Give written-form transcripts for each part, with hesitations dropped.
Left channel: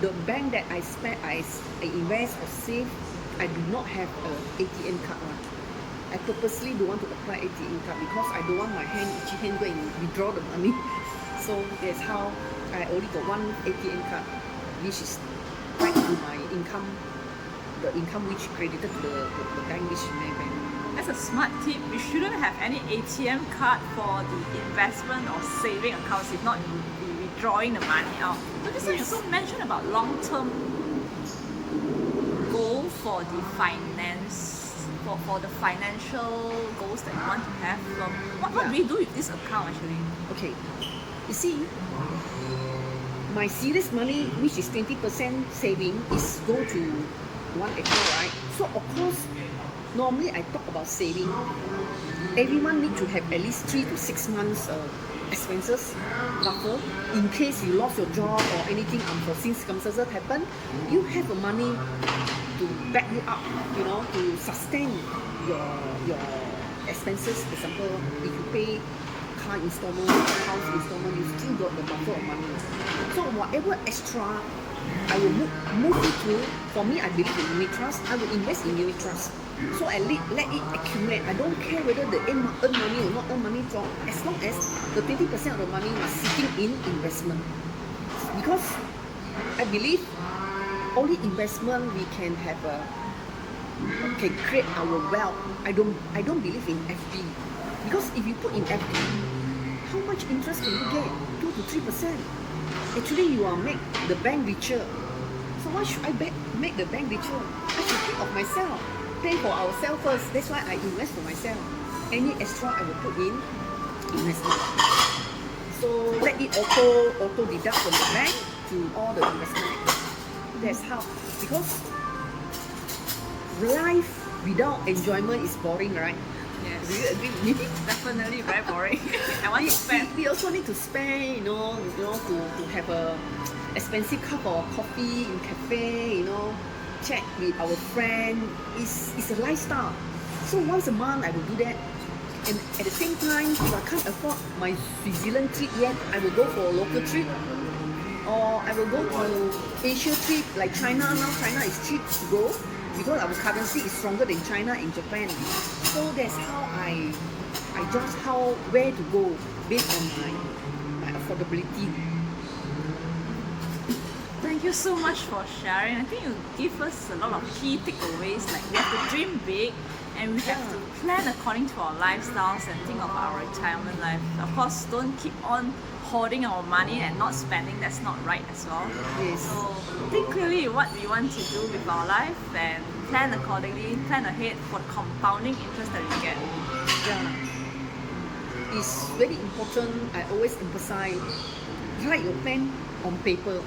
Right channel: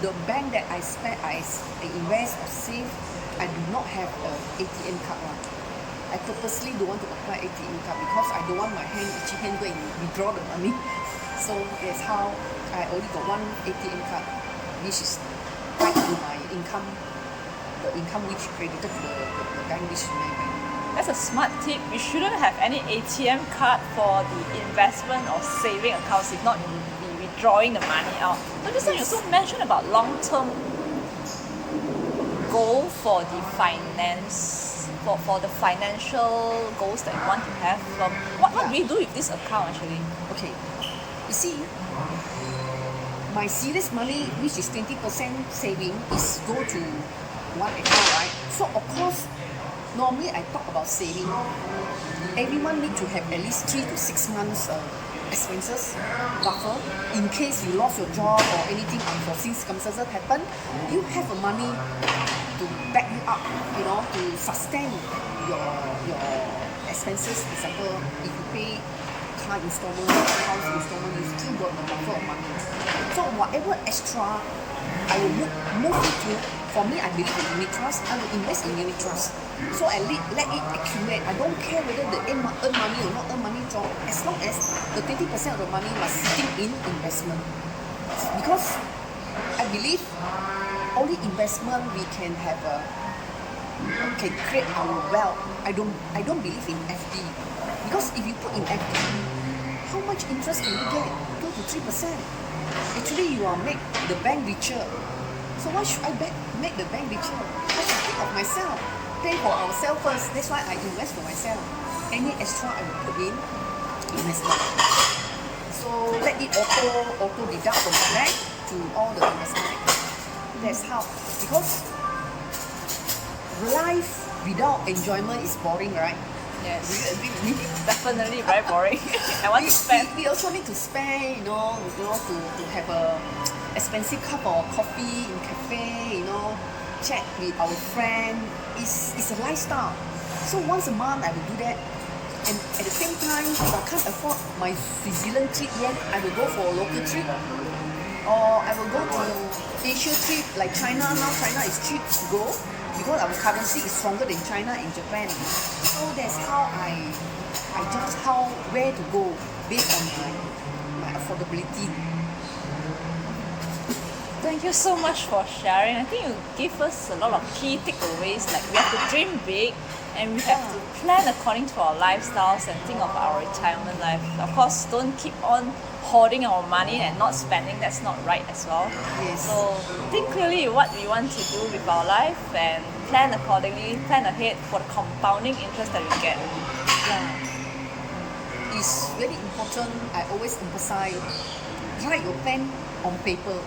the bank that I invest or save, I do not have a ATM card. I purposely don't want to apply ATM card because I don't want my itchy hand go and withdraw the money. So that's how I only got one ATM card, which is in my income, the income which credited to the bank which my bank. That's a smart tip. You shouldn't have any ATM card for the investment or saving accounts. If not, you will be withdrawing the money out. So just now you also mentioned about long-term goal for the finance, for the financial goals that you want to have. What do we do with this account actually? Okay, you see, my serious money, which is 20% saving, is go to one account, right? So of course, normally I talk about saving. Everyone need to have at least 3 to 6 months expenses buffer in case you lost your job or anything unforeseen circumstances happen. You have the money to back you up, to sustain your expenses. For example, if you pay car installment, house installment, you still got the buffer of money. So whatever extra I will move it to, for me, I believe in unit trust, I will invest in unit trust. So I let it accumulate. I don't care whether they earn money or not earn money job, as long as the 20% of the money was sitting in investment. Because I believe only investment we can have can create our wealth. I don't believe in FD. Because if you put in FD, how much interest can you get? 2 to 3%. Actually, you are make the bank richer. So why should I make the bank richer? I should think of myself, pay for ourselves first. That's why I invest for myself. Any extra I will put in investment. So let it auto deduct from the bank to all the investment. That's how. Because life without enjoyment is boring, right? Yes. Do you agree with me? Definitely very boring. I want to spend. We also need to spend, to have a expensive cup of coffee in cafe, chat with our friend. It's a lifestyle. So once a month I will do that. And at the same time, if I can't afford my New Zealand trip yet, I will go for a local trip. Or I will go to Asia trip, like China. Now China is cheap to go because our currency is stronger than China and Japan. So that's how I judge where to go based on my affordability. Thank you so much for sharing. I think you give us a lot of key takeaways, like we have to dream big and we have to plan according to our lifestyles and think of our retirement life. Of course, don't keep on hoarding our money and not spending. That's not right as well. Yes. So think clearly what we want to do with our life and plan accordingly, plan ahead for the compounding interest that we get. Yeah. It's very important. I always emphasize, write your plan on paper.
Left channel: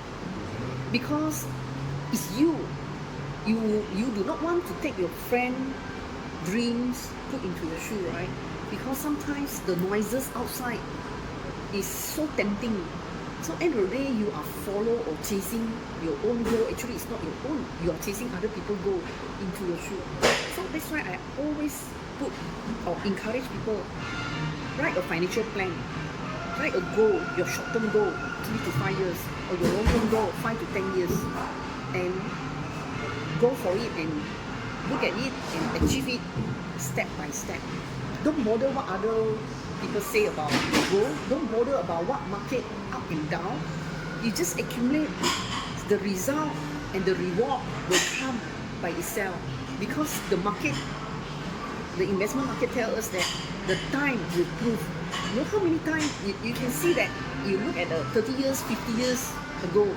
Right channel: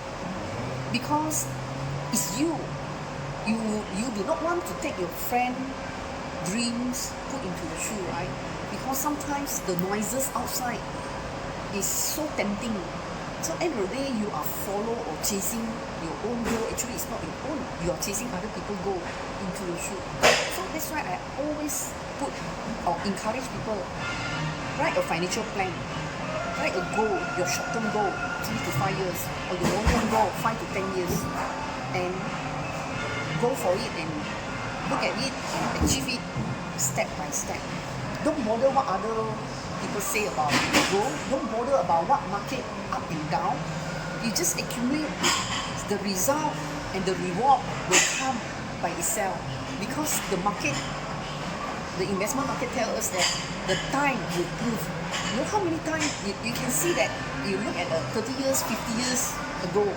Because it's you do not want to take your friend dreams put into your shoe, right? Because sometimes the noises outside is so tempting. So end of the day, you are follow or chasing your own goal. Actually, it's not your own. You are chasing other people's goal into your shoe. So that's why I always put or encourage people, write a financial plan. Write a goal, your short-term goal, 3 to 5 years, or your long-term goal, 5 to 10 years, and go for it and look at it and achieve it step by step. Don't bother what other people say about your goal. Don't bother about what market up and down. You just accumulate the result, and the reward will come by itself. Because the market, the investment market tells us that the time will prove. You know how many times you can see that you look at 30 years, 50 years ago,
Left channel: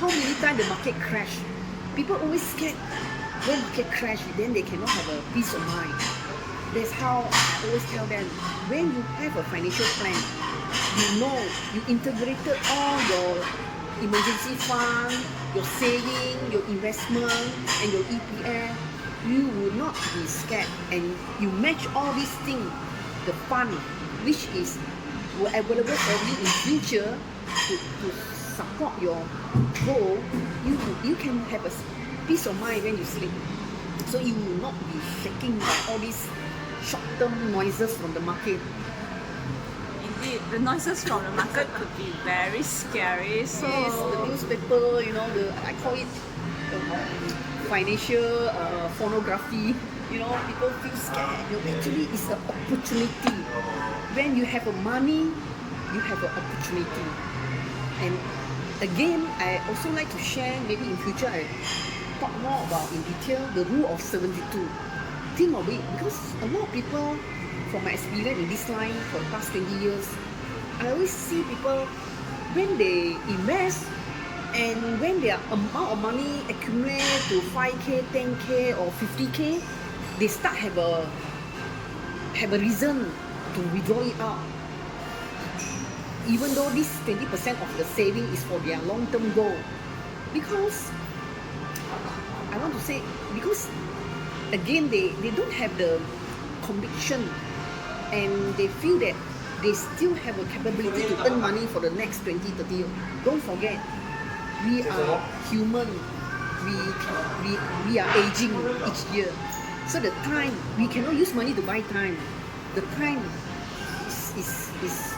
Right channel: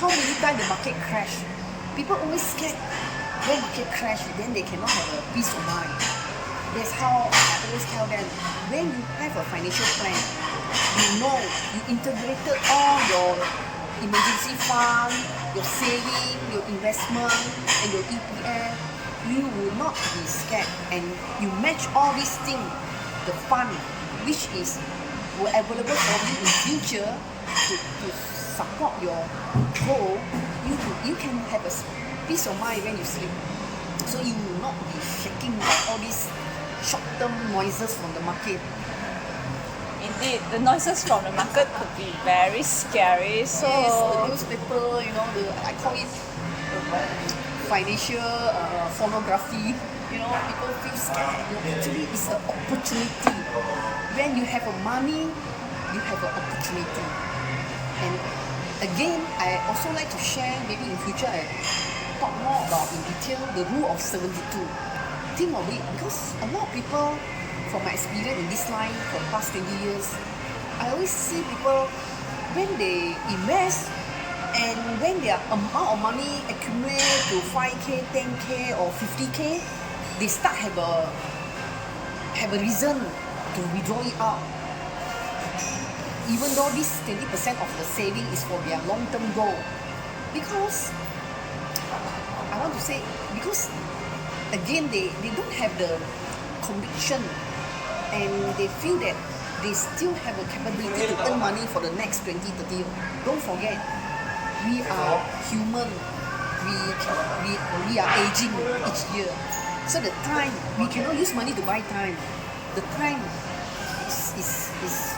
how many times the market crashed. People always scared when market crash, then they cannot have a peace of mind. That's how I always tell them, when you have a financial plan, you integrated all your emergency fund, your saving, your investment, and your EPF, you will not be scared. And you match all these things, the fund, which is available for you in future to support your goal, you can have a peace of mind when you sleep. So you will not be shaking by all these short-term noises from the market. indeed, the noises from the market could be very scary. So Yes, the newspaper, I call it financial pornography. People feel scared. Actually, it's an opportunity. When you have a money, you have an opportunity. And again, I also like to share, maybe in future I talk more about in detail the rule of 72. Think of it, because a lot of people, from my experience in this line for the past 20 years, I always see people, when they invest and when their amount of money accumulate to 5K, 10K or 50K, they start have a reason to withdraw it out. Even though this 20% of the saving is for their long-term goal. Because, I want to say, because again, they don't have the conviction and they feel that they still have a capability to earn money for the next 20, 30 years. Don't forget, we are human. We are aging each year. So the time, we cannot use money to buy time. The time is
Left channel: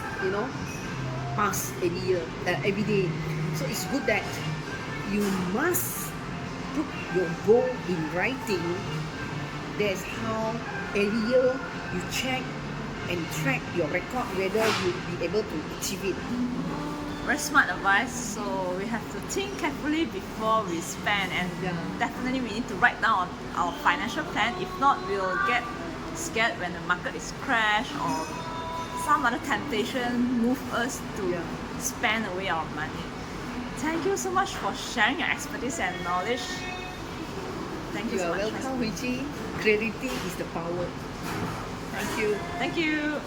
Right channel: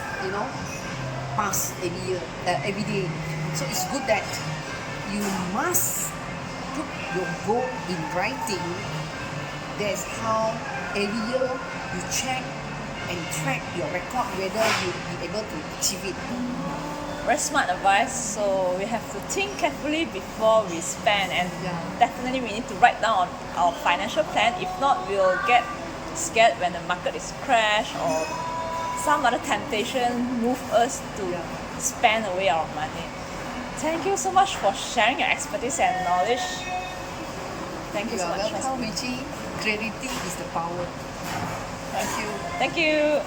pass every year, every day. So it's good that you must put your goal in writing. That's how every year you check and track your record whether you be able to achieve it. very smart advice. So we have to think carefully before we spend, and definitely we need to write down our financial plan. If not, we'll get scared when the market is crash or some other temptation move us to spend away our money. Thank you so much for sharing your expertise and knowledge. Thank you so much. Welcome, Richie. Clarity is the power. Thank you. Thank you.